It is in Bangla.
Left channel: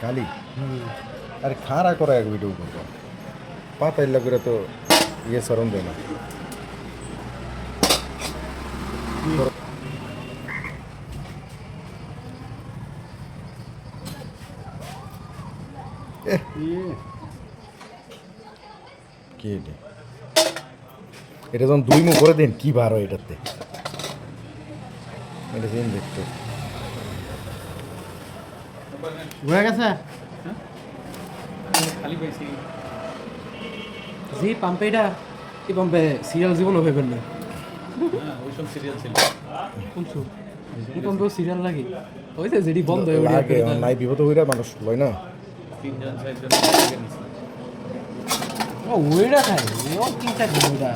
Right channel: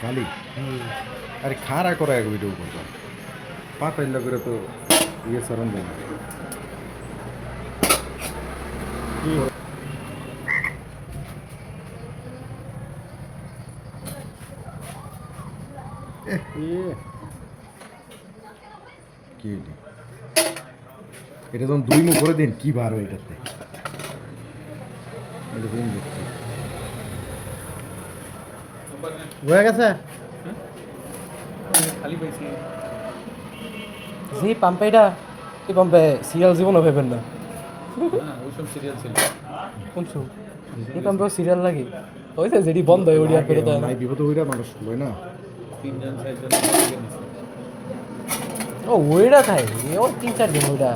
খালি আরে খাড়া করা এক ভিডিও করবো পাতাইল করে তো ইয়ে সরম দেয় না কি এটা যখন দুই মুখ করে দিন কি বার হয় এটাতে এটা দিন দেখতে হয়ে গেছে খালি পাইছি জি পাম্পে এটা এই পাম্পে সিরিয়াল জীবনও ভেবেন না হ্যাঁ ওইসব সিরিয়াল ছিল শুনছো এই পাম্পে সিরিয়াল লাগে ওই যে যেটি বন্ধ হয় ওটি আর ফেরত নাই বিপদ হইরা মানুষ হয় না 3 জন 4 জন ও ওইটা খাই ও 3-4 দিন ওইটা